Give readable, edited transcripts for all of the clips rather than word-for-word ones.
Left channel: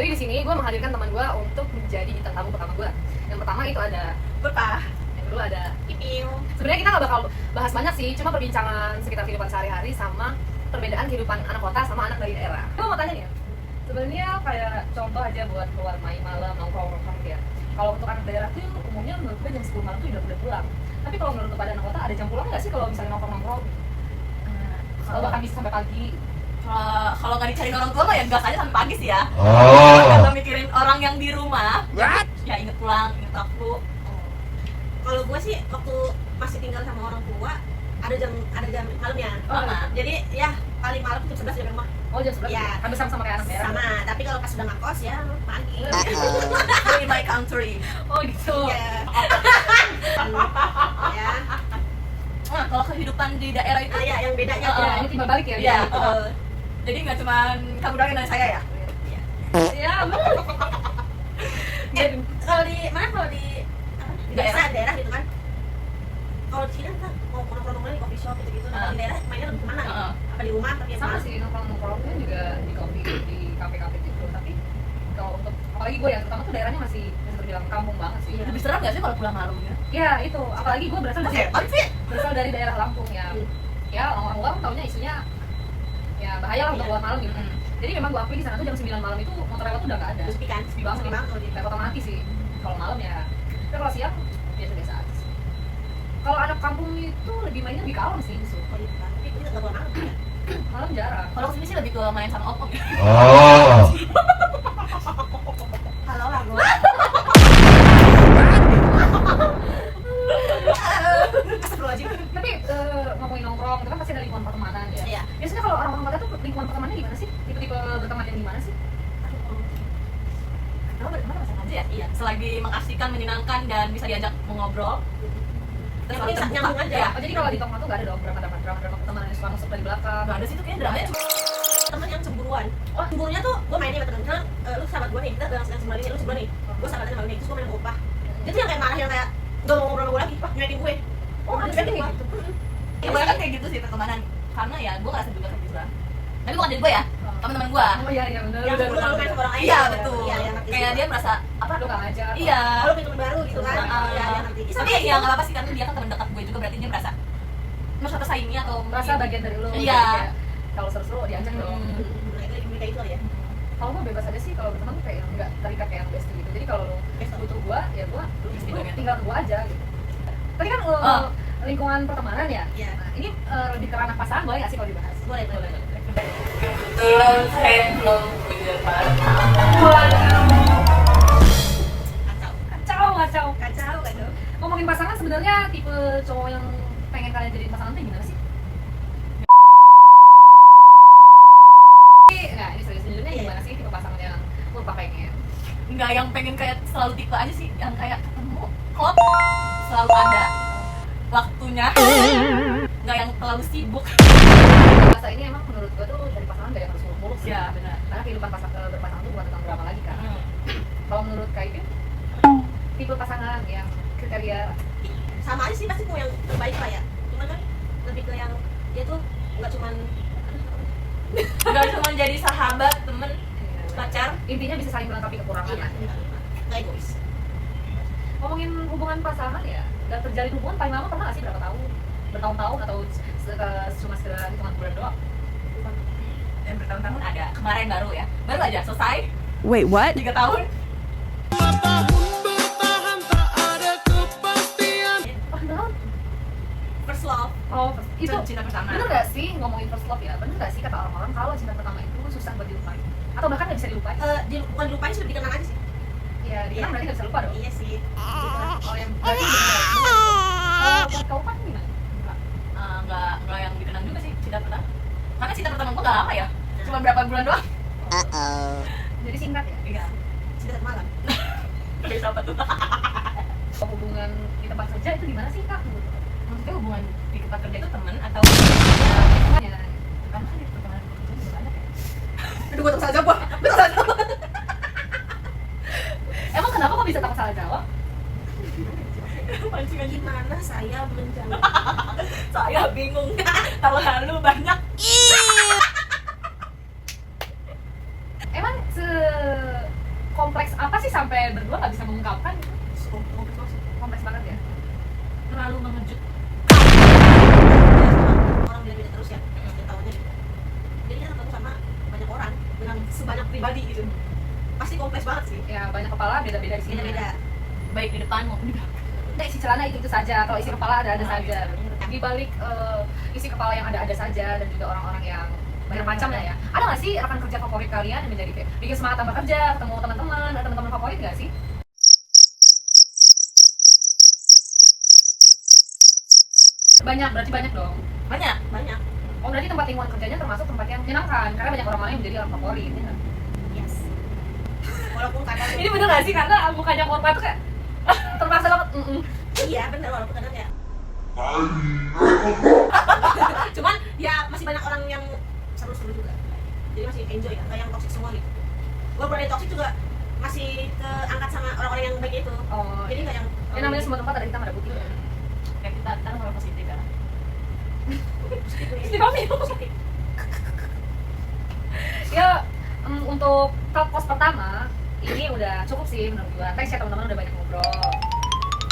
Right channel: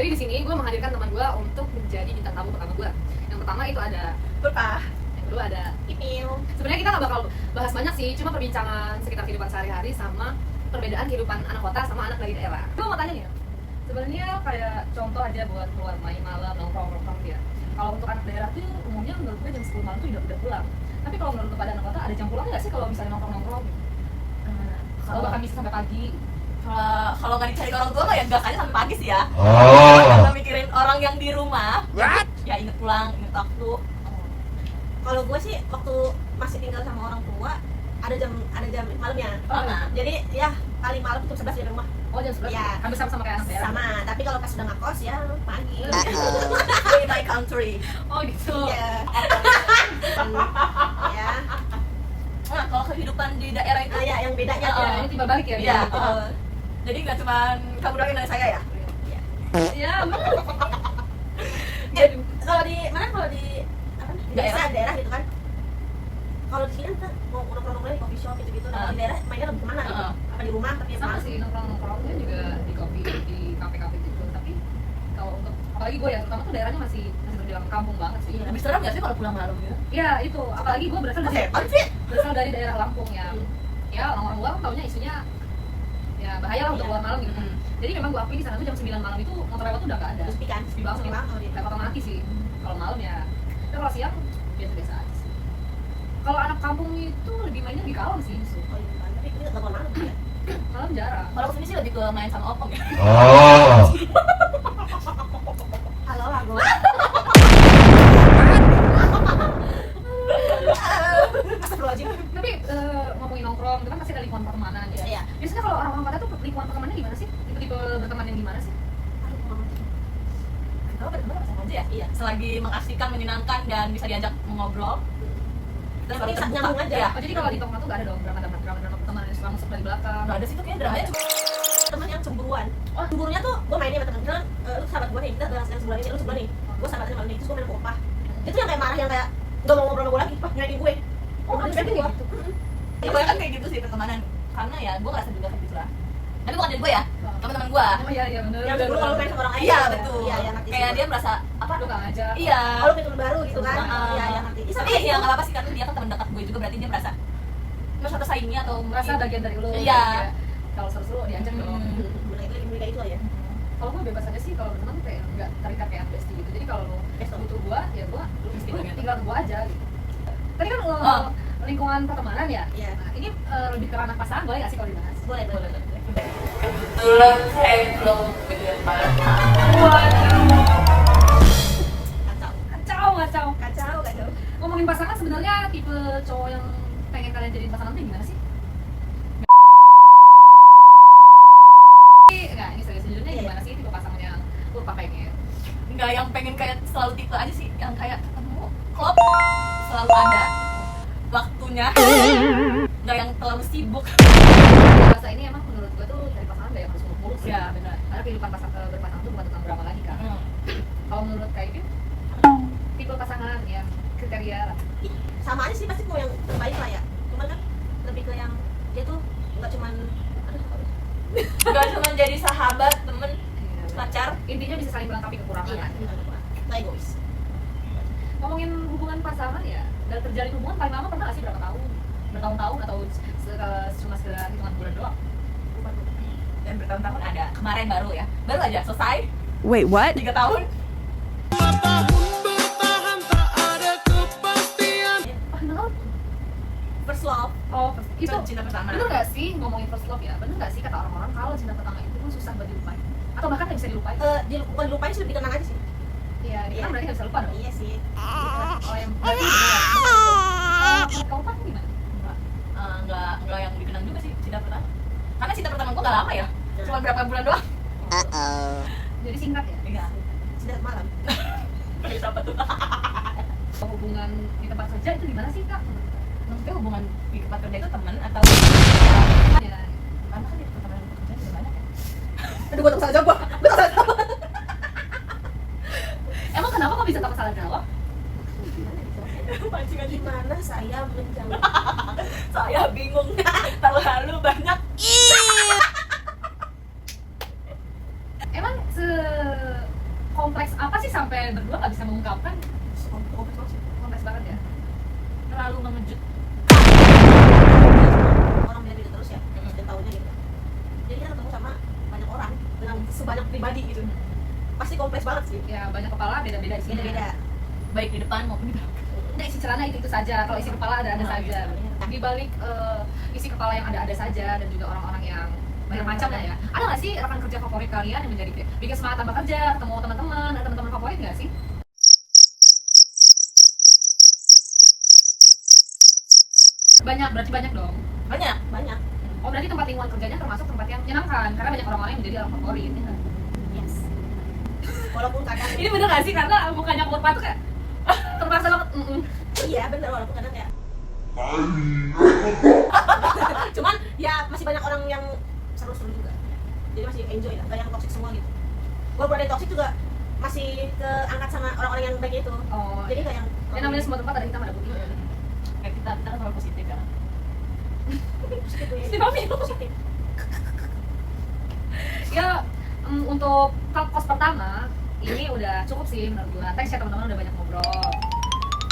Jadi di sini gue menghadirkan teman gue untuk menjadi bintang tamu pertama gue. Yang pertama itu ada Berkah. Yang kedua ada Ipil. Sebenarnya kita nggak bakal bahas banyak sih, cuma perbincangan sekitar kehidupan sehari-hari sama perbedaan kehidupan anak kota sama anak dari daerah. Gue mau tanya nih ya, sebenarnya kayak contoh aja buat keluar main malam, nongkrong ya. Kalau untuk anak daerah tuh umumnya menurut gue jam 10 malam tuh udah pulang. Tapi kalau menurut kepada anak kota ada jam pulang nggak sih kalau misalnya nongkrong? Kalau bahkan bisa sampai pagi. Kalau nggak dicari orang tua mah ya gas aja sampai pagi sih ya. Kalau mikirin orang yang di rumah, ya inget pulang, inget waktu. Kalau gue sih waktu masih tinggal sama orang tua ada jam malamnya. Jadi ya kali malam jam 11 di rumah. Oh jam 11? Ya. Hampir sama kayak anak daerah? Sama, tapi kalau pas udah ngekos ya pagi. In my country. Oh gitu? Ya. Ya. Nah, kalau kehidupan di daerah itu Ya yang bedanya Ya, ini timbal balik ya? Iya. Gitu. Jadi nggak cuma kamu doang yang nanya saya ya? Ya, Kalau di mana, kalau di apa? Di daerah gitu kan. Kalau di sini kita mau nongkrong-nongkrong di coffee shop gitu-gitu. Kalau di daerah mainnya lebih kemana gitu? Apa di rumah, tapi sama sih nongkrong-nongkrongnya juga di kopi, di kafe-kafe gitu. Tapi kalau untuk, apalagi gue ya, terutama tuh daerahnya masih terbilang kampung banget sih. Lebih serem nggak sih kalau pulang malam ya? Ya itu, apalagi gue berasal dari daerah Lampung ya. Ya orang luar taunya isunya ya bahaya lah untuk keluar malam gitu. Jadi memang gue akui di sana tuh jam 9 malam itu motor lewat tuh udah nggak ada. sepi kan? Sepi banget. Kayak kota mati sih. Kalau malam ya, tapi kalau siang biasa-biasa aja sih. Kalau anak kampung itu lebih mainnya di kalong sih, Gitu kan. Tapi itu nggak mau malam juga. malam jarang. Kalau kesini sih lebih ke main sama opong ya. Halo lah gue. Tapi ngomongin nongkrong itu kan pasti ada lingkungan pertemanan ya. Iya. Biasanya kalau orang-orang kota tuh lingkungan pertemanannya di mana sih? Tipe-tipe berteman yang di mana sih? Kalau berteman apa aja ya? Iya. Selagi mengasihkan, menyenangkan dan bisa diajak mengobrol. Kita selalu terbuka. Nyambung aja. Ya. Oh jadi kalau di tongkrong tuh gak ada dong drama pertemanan yang suka masuk dari belakang? Nggak ada sih tuh kayaknya dramanya cuma Temen yang cemburuan. Oh, cemburunya tuh gue mainnya sama temen. Misalnya lu sahabat gue nih, kita yang sebulan ini, lu sebulan nih. Gue sahabatnya sama nih, terus gue main sama Upah. Itu yang kayak marah, yang kayak gak mau ngobrol sama gue lagi. Wah, nyuekin gue. Oh ada kayak gitu? kebanyakan kayak gitu sih pertemanan. Karena ya gue ngerasa juga kayak gitu lah. Tapi bukan dari gue ya, teman-teman gue. Oh iya bener. Yang sebelum kalau main sama orang lain. Iya betul. Iya, yang ngerti. Kayak dia merasa apa? Lu gak ngajak? Iya. Oh, lu punya temen baru gitu kan. Iya, yang ngerti. Tapi ya nggak apa-apa sih karena dia kan teman dekat gue juga, berarti dia merasa tersaingi atau Merasa bagian dari lu. Iya. Kalau seru-seru diajak dong. Lagi kayak gitu ya. Kalau gue bebas aja sih, kalau berteman tuh kayak nggak terikat kayak yang bestie gitu. Jadi kalau lu butuh gue, ya gue tinggal gue aja gitu. Tadi kan lingkungan pertemanan ya? Iya. Nah, ini lebih ke ranah pasangan, boleh nggak sih kalau dibahas? Boleh. kebetulan saya belum punya pasangan. Kacau. Ngomongin pasangan, sebenarnya tipe cowok yang pengen kalian jadiin pasangan tuh gimana sih? Nggak, ini sejujurnya gimana sih tipe pasangan yang lu pengen? Nggak yang pengen kayak selalu tipe aja sih, yang kayak ketemu klop selalu ada waktunya, nggak yang terlalu sibuk. Masa ini emang menurut gue tuh dari pasangan gak yang harus muluk-muluk sih. Ya benar. Karena kehidupan berpasangan tuh bukan tentang drama lagi kan. Kalau menurut Kak Ipin, tipe pasangan yang kriteria Sama aja sih, pasti mau yang terbaik lah ya. Cuman kan lebih ke yang dia tuh nggak cuman Nggak cuma jadi sahabat, temen, pacar. intinya bisa saling melengkapi kekurangan lah. nggak egois. Ngomongin hubungan pasangan ya, dan terjalin hubungan paling lama pernah nggak sih berapa tahun? Bertahun-tahun atau cuma sekedar hitungan bulan doang? Dan bertahun-tahun ada, kemarin baru aja selesai. Wait, what? 3 tahun. First love. Oh, itu Cinta pertama. bener nggak sih ngomongin first love ya? Bener nggak sih kata orang-orang kalau cinta pertama itu susah buat dilupain? Atau bahkan nggak bisa dilupain? Bukan dilupain sih, lebih dikenang aja sih. Iya, dikenang berarti nggak bisa lupa dong. Iya sih. Oh yang berarti kau lupa gimana? Nggak yang dikenang juga sih cinta pertama. Karena cinta pertama gue nggak lama ya, cuma berapa bulan doang. Jadi singkat ya? Iya. Sudah malam. Kayak siapa tuh? Hubungan di tempat kerja itu gimana sih Kak? Maksudnya hubungan di tempat kerja itu temen atau Ya, karena kan di pertemanan kerja juga banyak ya. Aduh, gue tak salah jawab. emang kenapa kok bisa tak salah jawab? Pancingan Gimana saya menjawab? saya bingung. Terlalu banyak. Emang sekompleks apa sih sampai berdua nggak bisa mengungkapkan? Kompleks banget sih. Kompleks banget ya. Terlalu mengejut. Orang beda-beda terus ya, setiap tahunnya gitu. Jadi kita ketemu sama banyak orang dengan sebanyak pribadi gitu. Pasti kompleks banget sih. Ya banyak kepala beda-beda isinya. Beda-beda. Baik di depan maupun di belakang. Udah isi celana itu saja, kalau isi kepala ada saja. Di balik isi kepala yang ada saja dan juga orang-orang yang banyak macamnya ya. Ada nggak sih rekan kerja favorit kalian yang menjadi kayak bikin semangat tambah kerja, ketemu teman-teman, ada teman-teman favorit nggak sih? Banyak, berarti banyak dong. Banyak. Banyak. Oh berarti tempat lingkungan kerjanya termasuk tempat yang menyenangkan karena banyak orang lain yang menjadi orang favorit. Ya nggak? Yes. Walaupun kadang Ini bener nggak sih karena bukannya kurva tuh kayak terpaksa banget. iya bener, walaupun kadang kayak cuman ya masih banyak orang yang seru-seru juga, jadi masih enjoy, nggak yang toxic semua gitu. Walaupun ada yang toxic juga masih keangkat sama orang-orang yang baik itu. Oh, Jadi kayak yang namanya semua tempat ada hitam ada putih. Kayak kita kan orang positif ya. positif nih. Positif. Ya untuk pos pertama ini udah cukup sih menurut gua. Thanks ya teman-teman udah banyak ngobrol.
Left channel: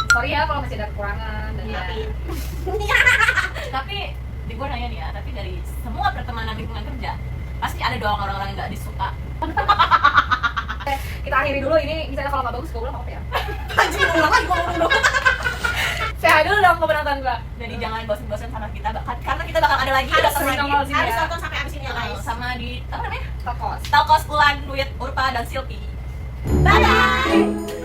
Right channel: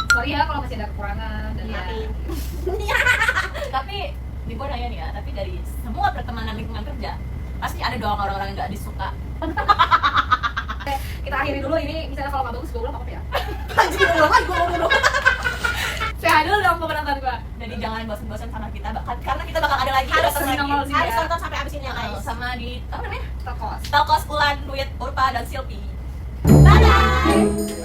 Sorry ya kalau masih ada kekurangan dan Maafin. Tapi di gue nanya nih ya, tapi dari semua pertemanan lingkungan kerja pasti ada dong orang-orang yang nggak disuka. kita akhiri dulu ini. Misalnya kalau nggak bagus gue bilang apa ya? Anjir, ulang lagi gua ngomong. Sehat dulu dong keberatan gua. Jadi jangan bosan-bosan sama kita, karena kita bakal ada lagi, Harus datang sering lagi. nongol sini. Harus tonton sampai abis ini ya guys. Sama di apa namanya? Tokos. Talkos Ulan, Duit, Urpa, dan Silpi. Bye bye.